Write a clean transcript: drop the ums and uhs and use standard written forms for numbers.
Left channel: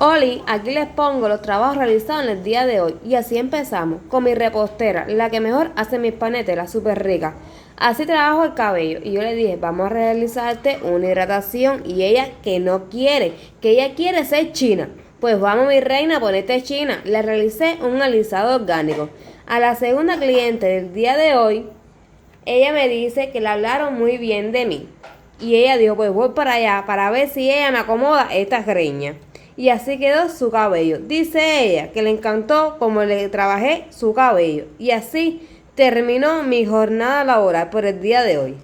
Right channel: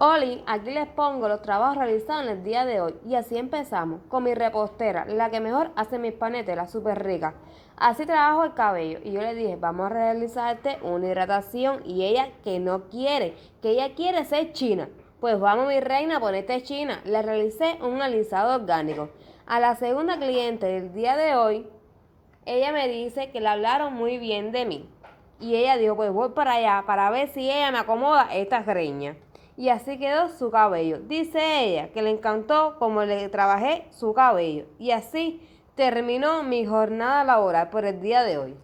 Oli, aquí les pongo los trabajos realizados en el día de hoy. Y así empezamos, con mi repostera, la que mejor hace mis panetes, la súper rica. Así trabajo el cabello. Y yo le dije, vamos a realizarte una hidratación. Y ella que no quiere, que ella quiere ser china. Pues vamos, mi reina, ponete china. Le realicé un alisado orgánico. A la segunda cliente del día de hoy, ella me dice que le hablaron muy bien de mí. Y ella dijo, pues voy para allá para ver si ella me acomoda esta greña. Y así quedó su cabello. Dice ella que le encantó como le trabajé su cabello. Y así terminó mi jornada laboral por el día de hoy.